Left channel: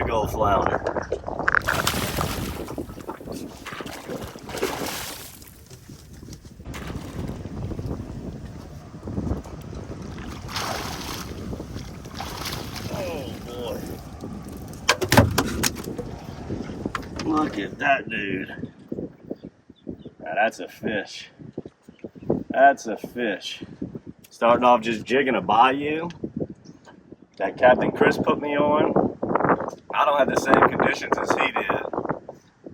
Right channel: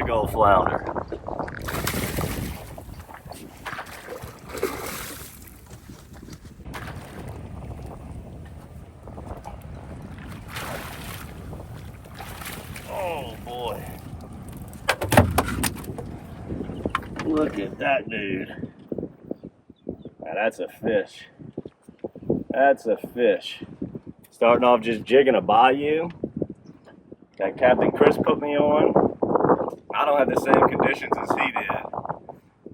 Big old flounder. Oh boy. Look at that dude. Now that's a fish. That's a fish. Starting off just jigging a bayou that Captain Chris put me on. I don't have the same conditions as he did,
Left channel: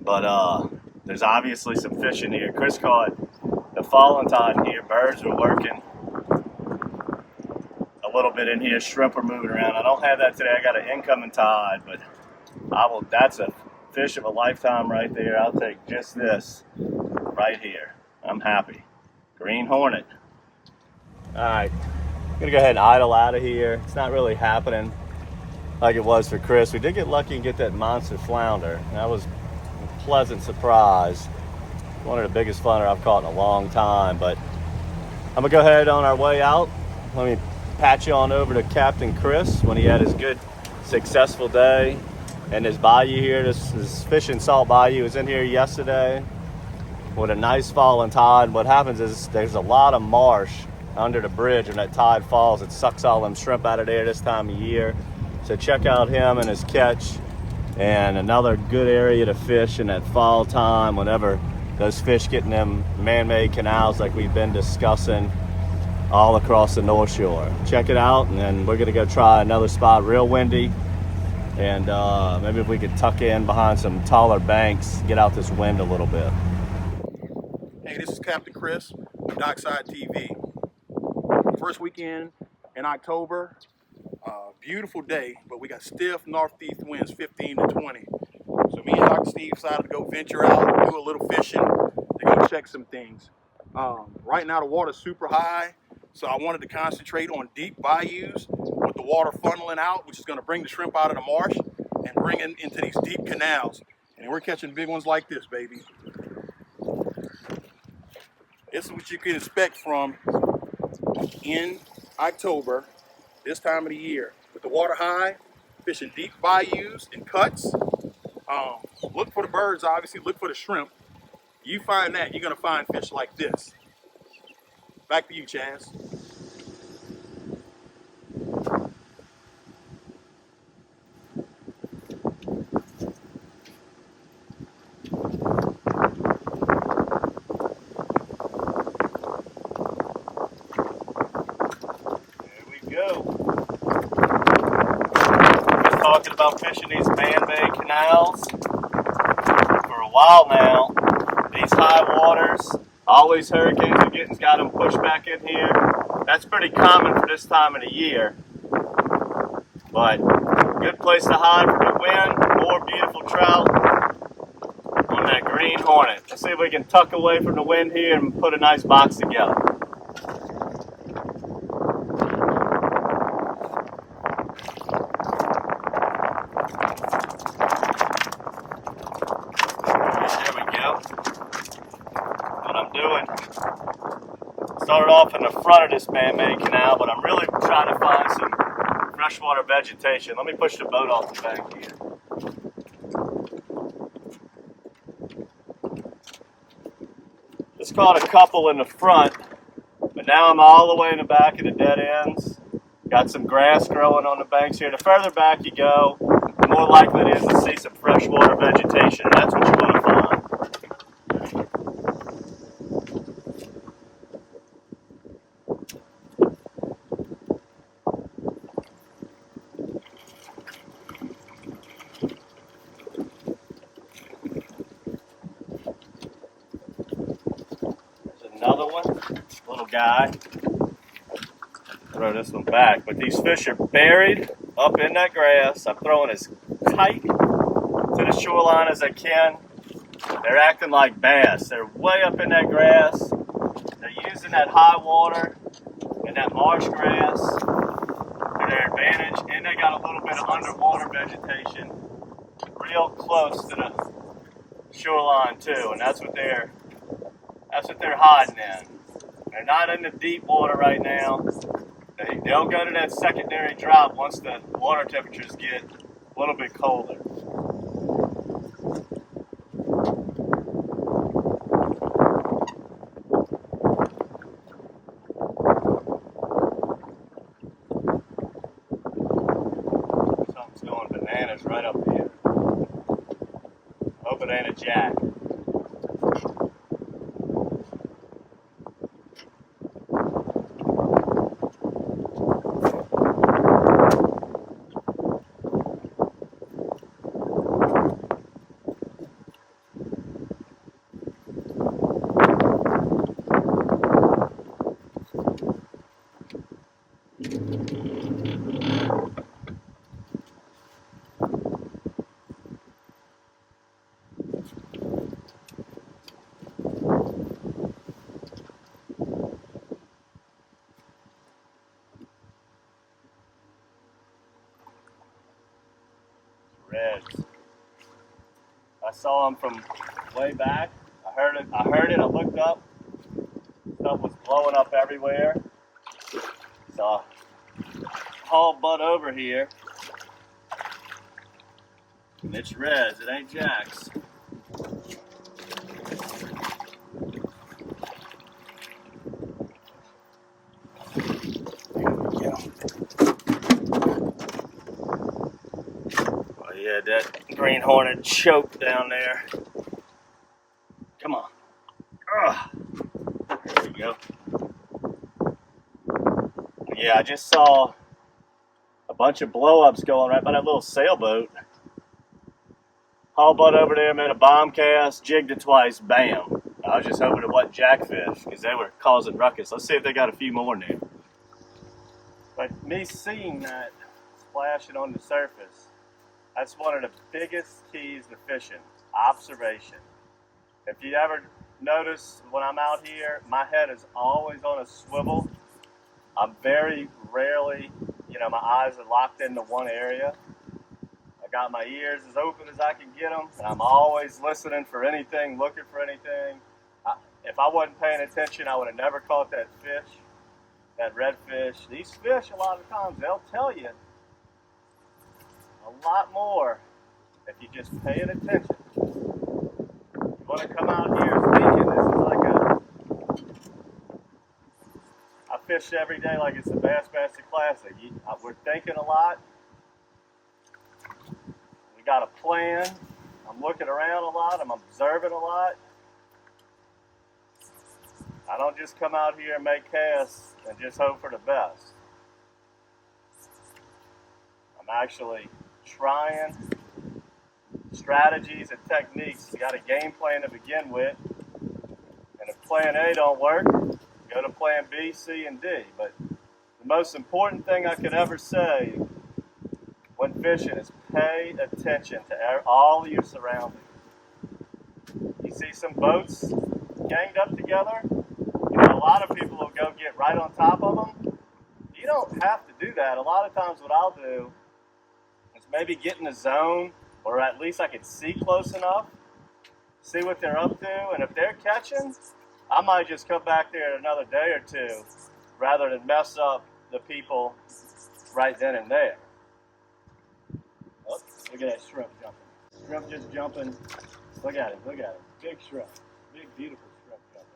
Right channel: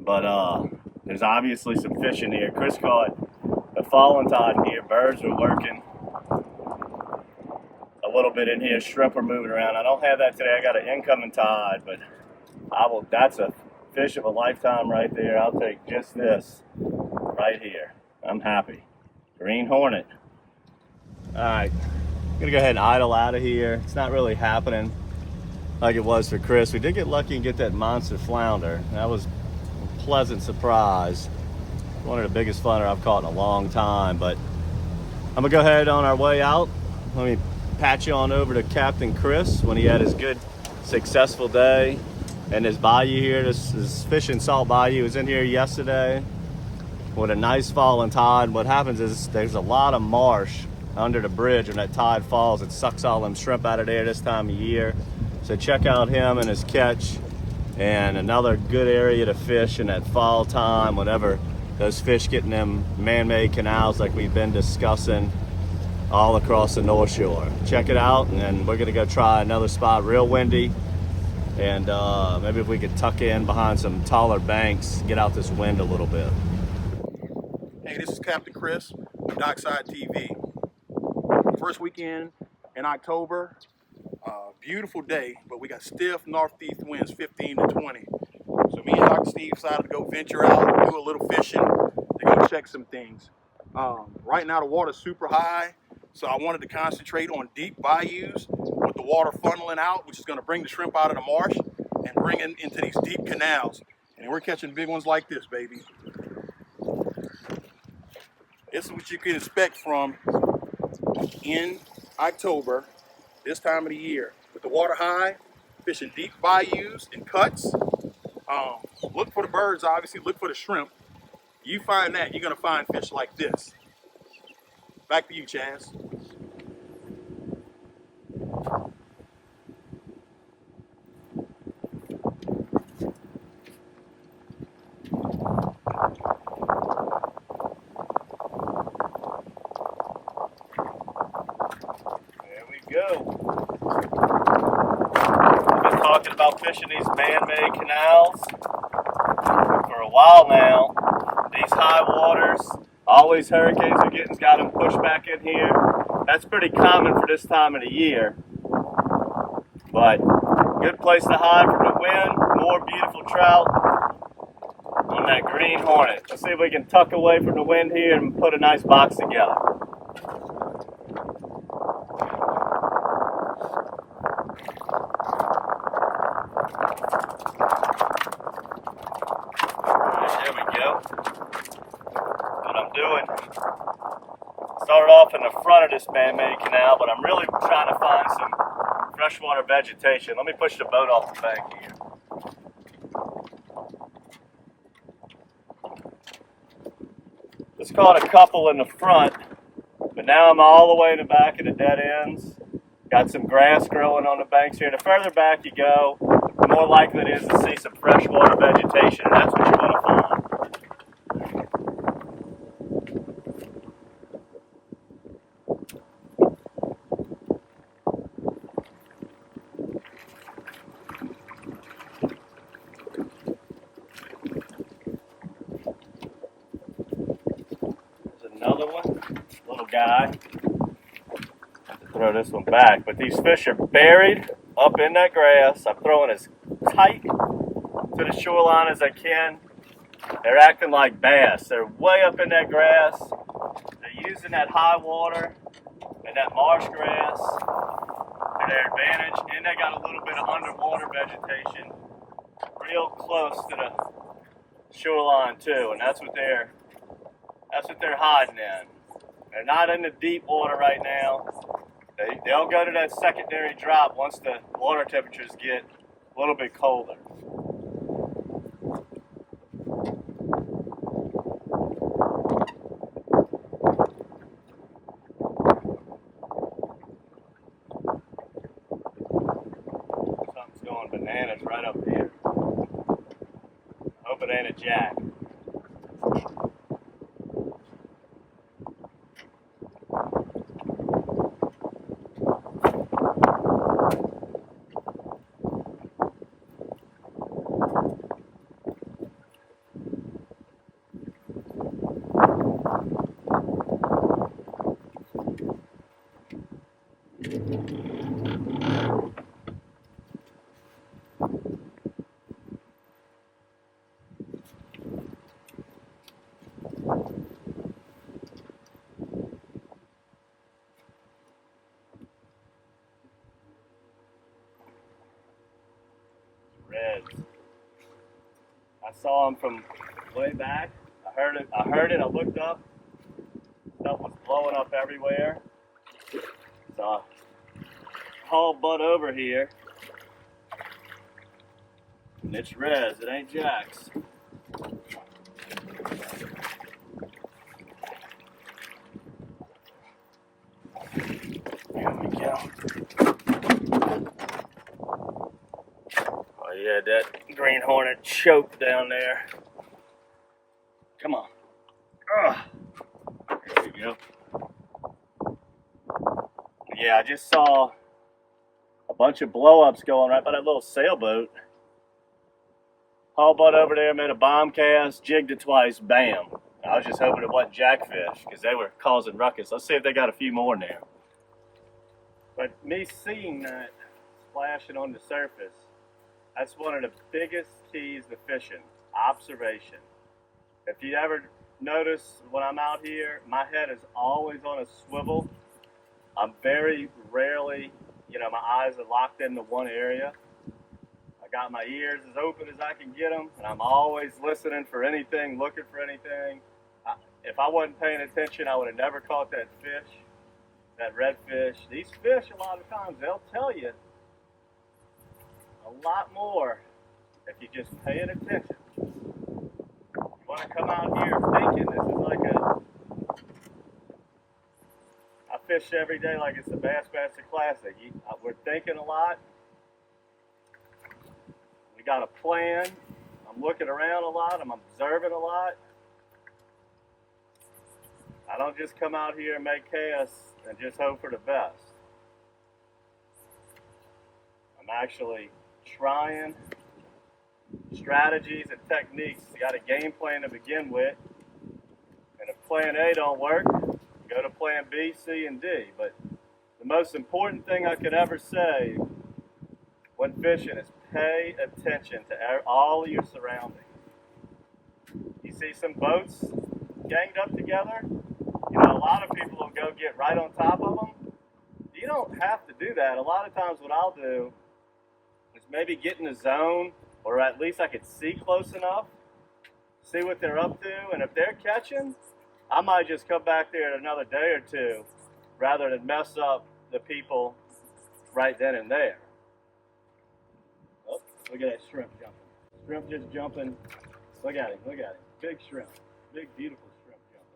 but there's obviously some fish in here. Chris caught the fallen tide in here. Birds were working a little bit in here. Shrimp were moving around. I don't have that today. I got an incoming tide, but I will. That's a fish of a lifetime right there. I'll take just this right here. I'm happy. Green hornet. All right, I'm gonna go ahead and idle out of here. It's not really happening like it was for Chris. We did get lucky and get that monster flounder. That was a pleasant surprise. One of the biggest flounder I've caught in a long time, but I'm gonna go ahead on our way out. Let me patch you on over to Captain Chris when he had his good, successful day. And this bayou here, this Fish and Salt Bayou, was in here yesterday with a nice falling tide. What happens is there's a lot of marsh under the bridge. When that tide falls, it sucks all them shrimp out of there this time of year. So check out him and his catch, and another good area to fish in that fall time whenever those fish get in them man-made canals like we've been discussing all across the North Shore. Check it out, and then we're gonna go try another spot, real windy, and maybe if we could tuck in behind some taller banks, get out this wind a little bit. Hey, this is Captain Chris from DockSide TV. First weekend in October, beautiful day, but we got stiff northeast winds, 15 to 20. So me and Dr. Steve decided to go venture out, do a little fishing, to go check some things. Right now the water's super high, so I wanted to concentrate on deep bayous with the water funneling out, which is going to bring the shrimp out of the marsh and bring it into these deep canals. And we're catching big ones like this, baby. This is what you can expect from in October, this time of the year. With the water high, fishing deep bayous and cuts. Look for the birds, obviously, look for the shrimp. You find that, you're gonna find fish like this. Back to you, Chaz. Talking about fishing these man-made canals for a while now. These high waters, all these hurricanes are getting, got them pushed back in here. That's pretty common for this time of the year, but good place to hide from the wind. More beautiful trout on that green hornet. Let's see if we can tuck away from the wind here and put a nice box together. What I'm doing, started off in the front of this man-made canal, but I'm really trying to find some freshwater vegetation. Let me push the boat off the bank here. Just caught a couple in the front, but now I'm all the way in the back of the dead ends. Got some grass growing on the banks here. The further back you go, the more likely it is to see some freshwater vegetation. That's what you want to find. Another one, little guy. Have to throw this one back, but these fish are buried up in that grass. I'm throwing as tight to the shoreline as I can. They're acting like bass. They're way up in that grass. They're using that high water and that marsh grass to their advantage, and they got a little bit of underwater vegetation real close to the shoreline too, and that's what they're hiding in. They're not in the deep water right now. They'll go to that secondary drop once the water temperatures get a little bit colder. Something's going bananas right up here. Hope it ain't a jack. Reds. I saw them from way back. I heard it. I looked up. Stuff was blowing up everywhere. So I hauled butt over here. And it's reds. It ain't jacks. Here we go. Oh yeah, that green hornet choked down there. Come on. Ugh. There we go. Yeah, I just saw a bunch of blow-ups going right by that little sailboat. Haul butt over there, made a bomb cast, jigged it twice, bam. I was just hoping it wasn't jackfish because they were causing ruckus. Let's see if they got a few more in there. But me seeing that splashing on the surface, that's one of the biggest keys to fishing, observation. If you ever notice when I'm out here, my head is always on a swivel. I'm very rarely, my eyes are locked into one area. I got my ears as open as I can get them, and I'm always listening for anything, looking for anything. If I wasn't paying attention, I would have never caught that fish, that redfish. These fish, a lot of times, they'll tell you a lot more if you just pay it attention. You want to come out here thinking this is like I fish every day like it's the Bassmaster Classic. We're thinking a lot. We got a plan. I'm looking around a lot. I'm observing a lot. I don't just come out here and make casts and just hope for the best. I'm actually trying strategies and techniques. You got a game plan to begin with, and if plan A don't work, go to plan B, C, and D. But the most important thing I could ever say when fishing is pay attention to all of your surroundings. You see some boats ganged up together, a lot of people will go get right on top of them. You don't have to do that. A lot of times what I'll do is maybe get in the zone, or at least I can see close enough, see what they're up to, and if they're catching, I might just come back there in another day or two rather than mess up the people right then and there. Oh, look at that shrimp jumping. Shrimp just jumping. Look at him, look at him. Big shrimp. Big, beautiful shrimp jumping.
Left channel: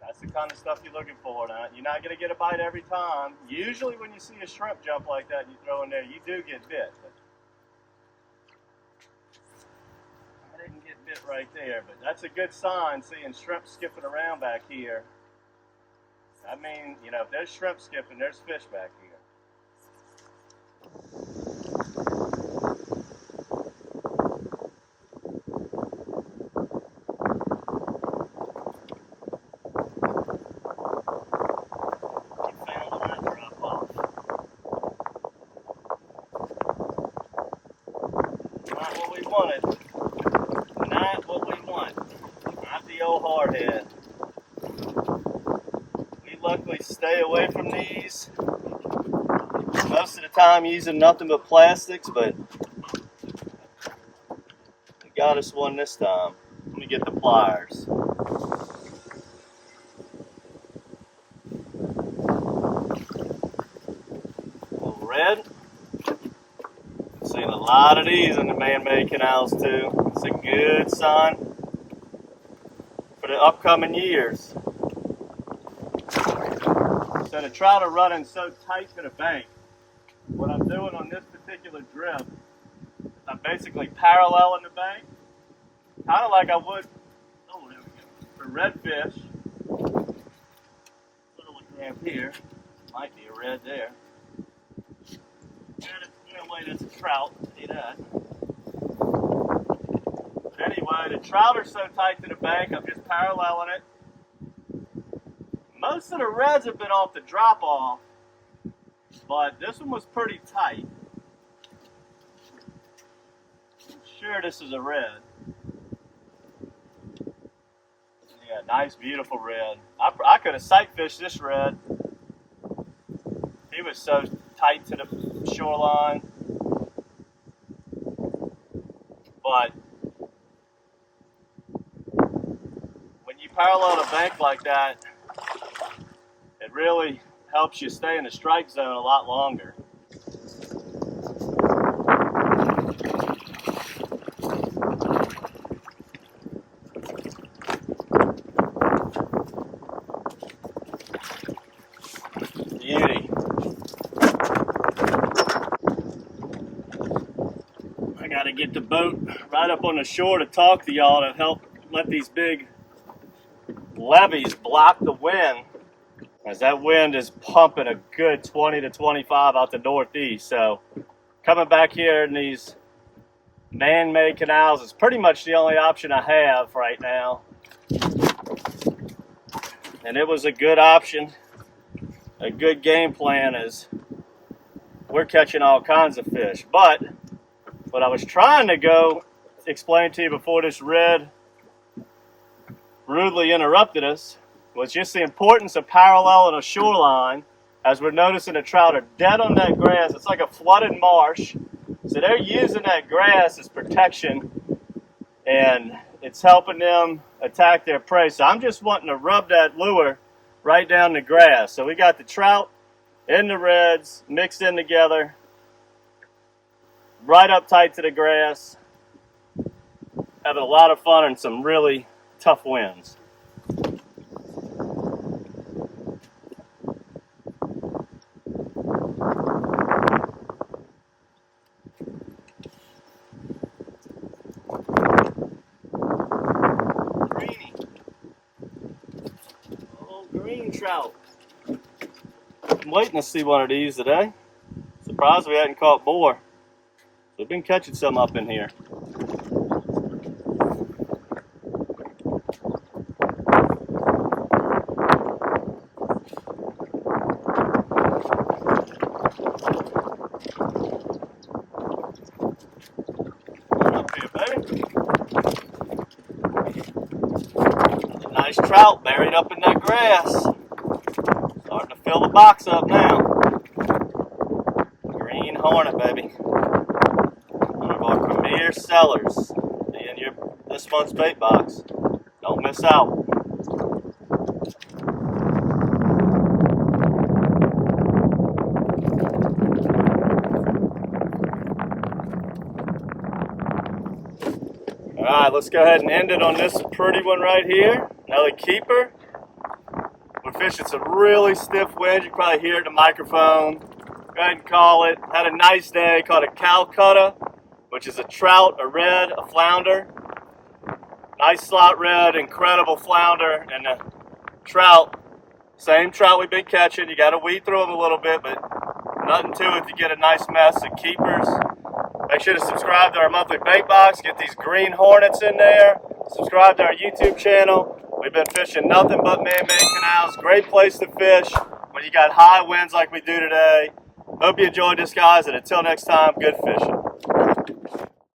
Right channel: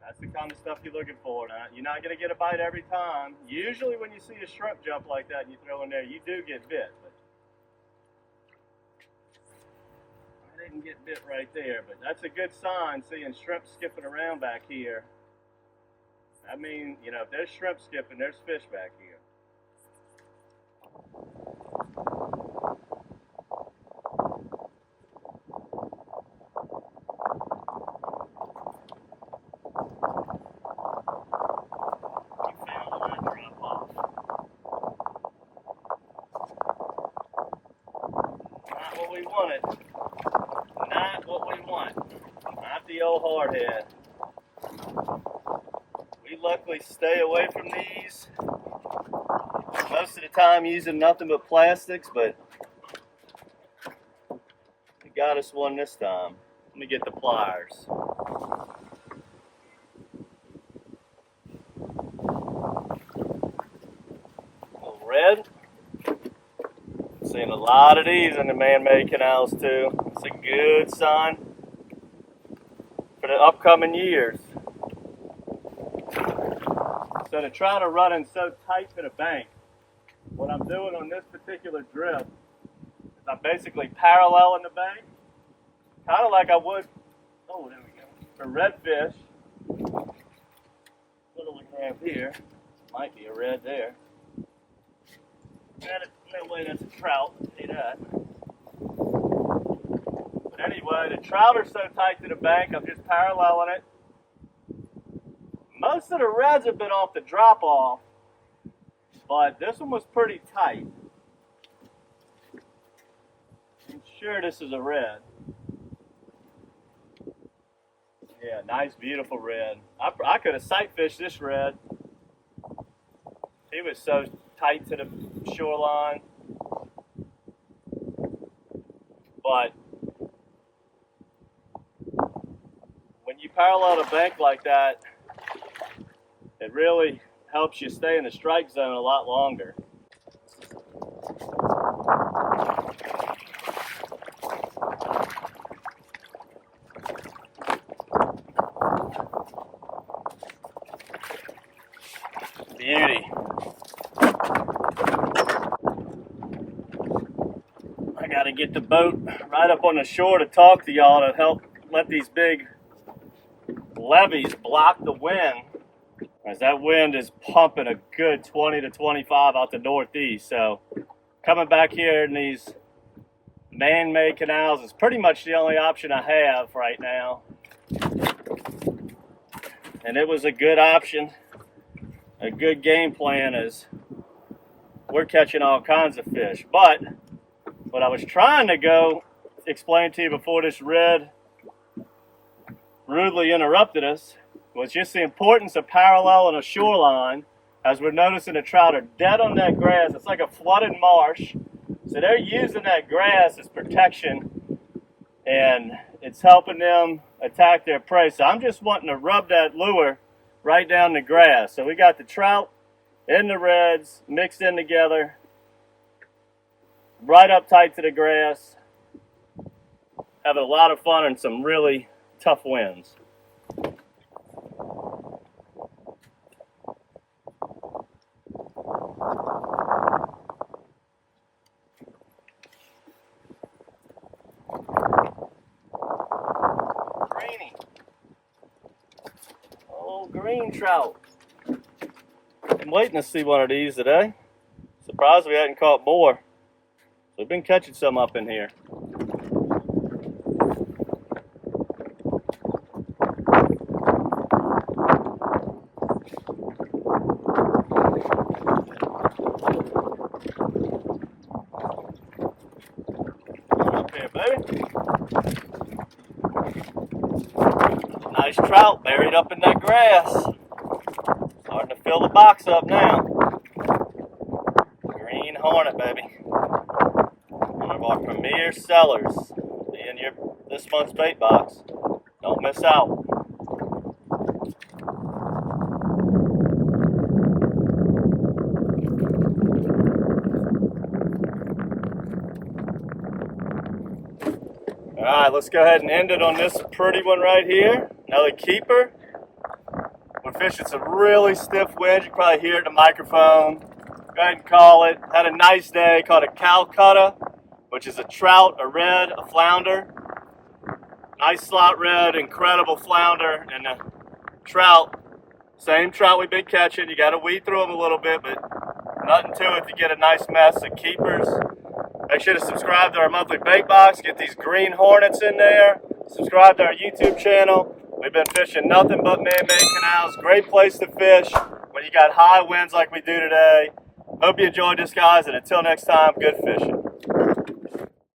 That's the kind of stuff you're looking for. Now, you're not going to get a bite every time. Usually when you see a shrimp jump like that and you throw in there, you do get bit. But I didn't get bit right there, but that's a good sign, seeing shrimp skipping around back here. I mean, if there's shrimp skipping, there's fish back here. Not what we wanted. Not what we want. Not the old hardhead. We luckily stay away from these. Most of the time using nothing but plastics, but we got us one this time. Let me get the pliers. red. Seeing a lot of these in the man-made canals too. It's a good sign for the upcoming years. So the trout are running so tight to the bank. What I'm doing on this particular drip is I'm basically paralleling the bank, kind of like I would, oh there we go, for redfish. What do we have here? Might be a red there. No way that's a trout, see that. But anyway, the trout are so tight to the bank, I'm just paralleling it. Most of the reds have been off the drop off, but this one was pretty tight. I'm sure this is a red. Yeah, nice, beautiful red. I could have sight fished this red. He was so tight to the shoreline. But when you parallel a bank like that, it really helps you stay in the strike zone a lot longer. Beauty. I gotta get the boat right up on the shore to talk to y'all to help let these big levees block the wind, as that wind is pumping a good 20 to 25 out the northeast. So coming back here in these man-made canals is pretty much the only option I have right now. And it was a good option, a good game plan, as we're catching all kinds of fish. But what I was trying to go explain to you before this red rudely interrupted us was just the importance of paralleling a shoreline, as we're noticing the trout are dead on that grass. It's like a flooded marsh. So they're using that grass as protection, and it's helping them attack their prey. So I'm just wanting to rub that lure right down the grass. So we got the trout and the reds mixed in together, right up tight to the grass. Having a lot of fun and some really tough winds. Greeny. Oh, green trout. I'm waiting to see one of these today. Surprised we hadn't caught more. We've been catching some up in here. Nice trout buried up in that grass. Starting to fill the box up now. Green hornet, baby. One of our premier sellers. Be in this month's bait box. Don't miss out. Alright, let's go ahead and end it on this pretty one right here. Another keeper. We're fishing some really stiff winds. You can probably hear it in the microphone. Go ahead and call it. Had a nice day. Caught a Calcutta, which is a trout, a red, a flounder. Nice slot red, incredible flounder, and the trout. Same trout we've been catching. You got to weed through them a little bit, but nothing to it to get a nice mess of keepers. Make sure to subscribe to our monthly bait box. Get these green hornets in there. Subscribe to our YouTube channel. We've been fishing nothing but man-made canals. Great place to fish when you got high winds like we do today. Hope you enjoyed this, guys, and until next time, good fishing.